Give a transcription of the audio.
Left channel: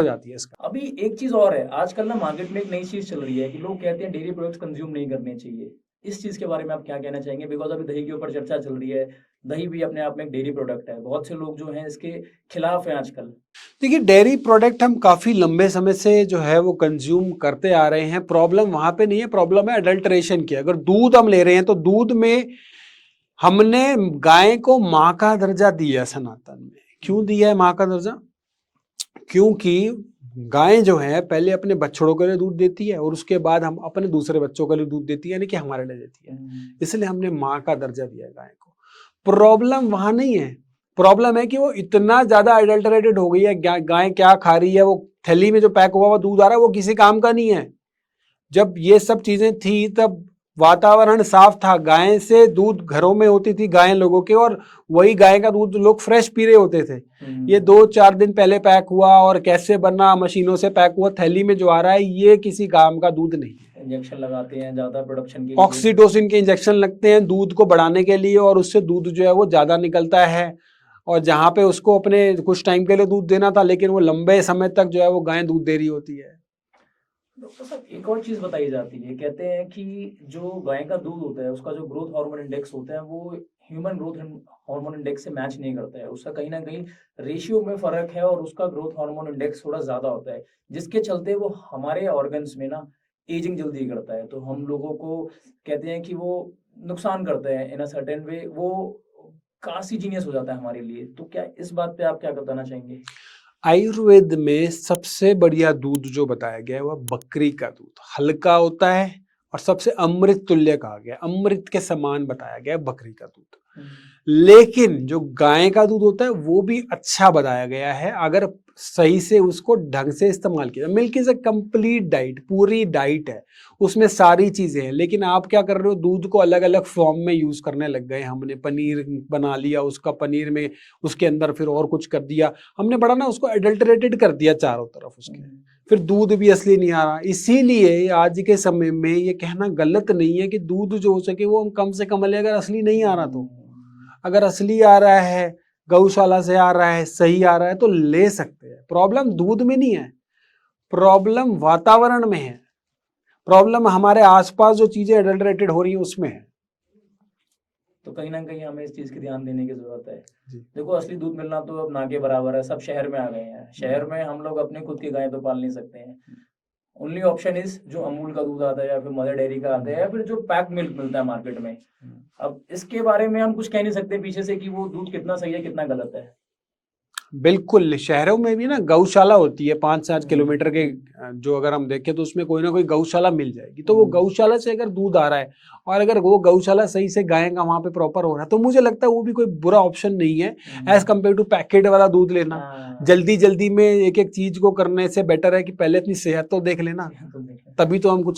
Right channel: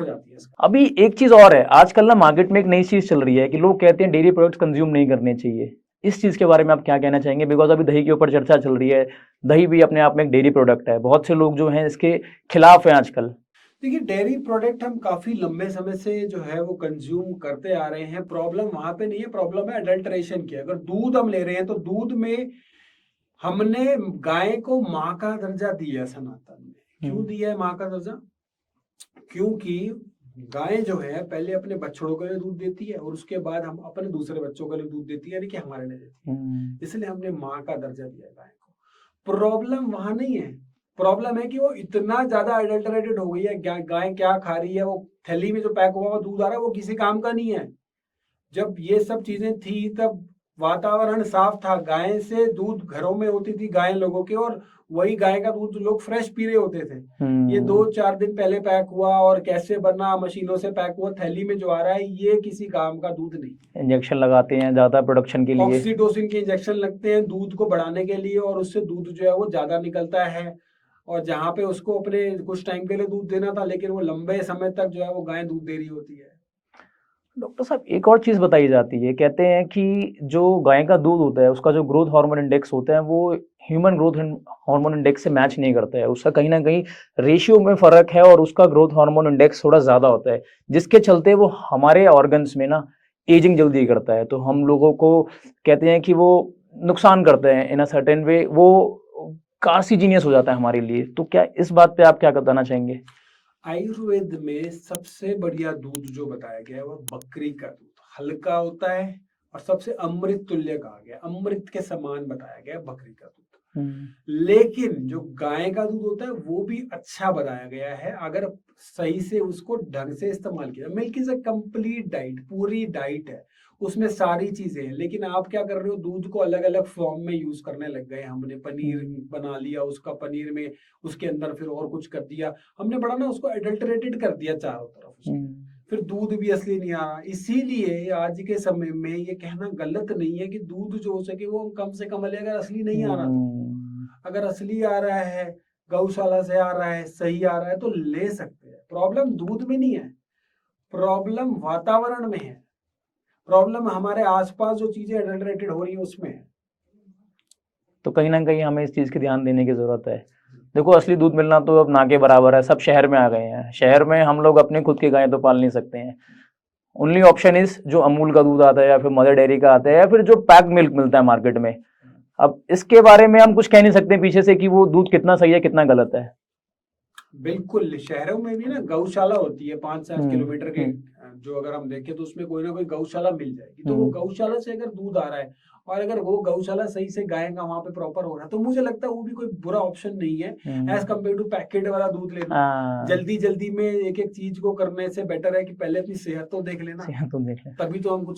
हो जाती है इसका। अभी एक चीज और है, आजकल ना मार्केट में एक नई चीज चल रही है कि लोग कहते हैं डेयरी प्रोडक्ट्स कंज्यूम नहीं करने चाहिए। इस चीज के बारे में आप क्या कहना चाहेंगे? बिकॉज अभी दही के ऊपर चर्चा चल रही है, दही भी अपने आप में एक डेयरी प्रोडक्ट है, बहुत से लोग जो हैं इसके खिलाफ हैं आजकल। देखिए, डेयरी प्रोडक्ट हम काफ़ी लंबे समय से जो है वो कंज्यूम करते आ रहे हैं। प्रॉब्लम वहाँ पे नहीं है, प्रॉब्लम है अडल्ट्रेशन की। अगर दूध हम ले रहे हैं तो दूध में हमने गाय को माँ का दर्जा दिया सनातन में। क्यों दिया है माँ का दर्जा? क्योंकि गाय जो है पहले अपने बछड़ों के लिए दूध देती है और उसके बाद हम अपने दूसरे बच्चों के लिए दूध देती है, यानी कि हमारे लिए देती है। इसलिए हमने माँ का दर्जा दिया है गाय को। प्रॉब्लम वहां नहीं है, प्रॉब्लम है कि वो इतना ज्यादा अडल्टरेटेड हो गई है। गाय क्या खा रही है, वो थैली में जो पैक हुआ दूध आ रहा है वो किसी काम का नहीं है। जब ये सब चीजें थी तब वातावरण साफ था, गाय से दूध घरों में होती थी गाय लोगों के, और वही गाय का दूध लोग फ्रेश पी रहे होते थे। ये 2-4 दिन पहले पैक हुआ और कैसे बना, मशीनों से पैक हुआ, थैली में जो आ रहा है ये किसी काम का दूध नहीं है। इंजेक्शन लगाते हैं ज्यादा प्रोडक्शन के लिए, ऑक्सीटोसिन के इंजेक्शन लगते हैं दूध को बढ़ाने के लिए, और उससे दूध जो है वो ज्यादा निकलता है। और जहाँ पे उसको अपने कुछ टाइम के लिए दूध देना था, लेकिन वो लंबे समय तक जो है वो गाय दूध दे रही होती है। डॉक्टर साहब एक और चीज बताई जाती है, कहते हैं कि जो गाय का दूध होता है उसका जो ग्रोथ हार्मोन इंडेक्स होता है वो ह्यूमन ग्रोथ हार्मोन इंडेक्स से मैच नहीं करता है, उसका कहीं ना कहीं रेशियो में फर्क है और उसका ग्रोथ हार्मोन इंडेक्स थोड़ा ज्यादा होता है, जिसके चलते वो हमारे ऑर्गन्स में ना एजिंग जल्दी करता है। तो हम लोगों को कहते हैं कि वो नुकसान करते हैं इन अ सर्टेन वे, वो कार्सिजीनियस हो जाता है हमारे लिए। तो क्या इस बात पे आप क्या बताना चाहेंगे? आयुर्वेद में सबसे बढ़िया दूध जो बताया गया है वह बकरी का दूध, हल्का होता है और सबसे अमृत तुल्य कहा गया, अमृत के समान बताया गया है बकरी का दूध। लेकिन जो गाय का दूध होता है वो भी अच्छा बताया गया है अगर सही से उसको ढंग से इस्तेमाल किया। Milk is a complete diet, पूरी डाइट है, उसमें सारी चीजें हैं। लेकिन आप क्या कर रहे हो, दूध को अलग अलग फॉर्म में यूज करने लग गए। हमने पनीर बना लिया, उसका पनीर में उसके अंदर फिर और कुछ कर दिया, हमने बड़ा ना उसको एडल्टरेटेड कर दिया चारों तरफ उसके, फिर दूध भी असली नहीं आ रहा। इसीलिए आज के समय में ये कहना गलत नहीं है कि दूध जो हो सके वो हम कम से कम ले, अगर असली नहीं आ रहा तो। अगर असली आ रहा है, गौशाला से आ रहा है, सही आ रहा है तो ले सकते हैं। प्रॉब्लम दूध में नहीं है, प्रॉब्लम वातावरण में है, प्रॉब्लम हमारे आसपास जो चीजें एडल्टरेटेड हो रही है उसमें है। तो कहीं ना कहीं हमें इस चीज की ध्यान देने की जरूरत है। देखो असली दूध मिलना तो अब ना के बराबर है, सब शहर में आ गए हैं, शहर में हम लोग अपने खुद की गाय तो पाल नहीं सकते हैं। ओनली ऑप्शन इज जो अमूल का दूध आता है या फिर मदर डेयरी का आता है या फिर जो पैक्ड मिल्क मिलता है मार्केट में। अब इसके बारे में हम कुछ कह नहीं सकते पीछे से कि वो दूध कितना सही है कितना गलत है। बिल्कुल, शहरों में भी ना गौशाला होती है 5-7 किलोमीटर के, जो अगर हम देखें तो उसमें कोई ना कोई गौशाला मिल जाएगी। तो वो गौशाला से अगर दूध आ रहा है और अगर वो गौशाला सही से गाय का वहां पे प्रॉपर हो रहा है तो मुझे लगता है वो भी कोई बुरा ऑप्शन नहीं है एज कम्पेयर टू पैकेट वाला दूध लेना। जल्दी जल्दी में एक एक चीज को करने से बेटर है कि पहले अपनी सेहत तो देख लेना, तभी तो हम कुछ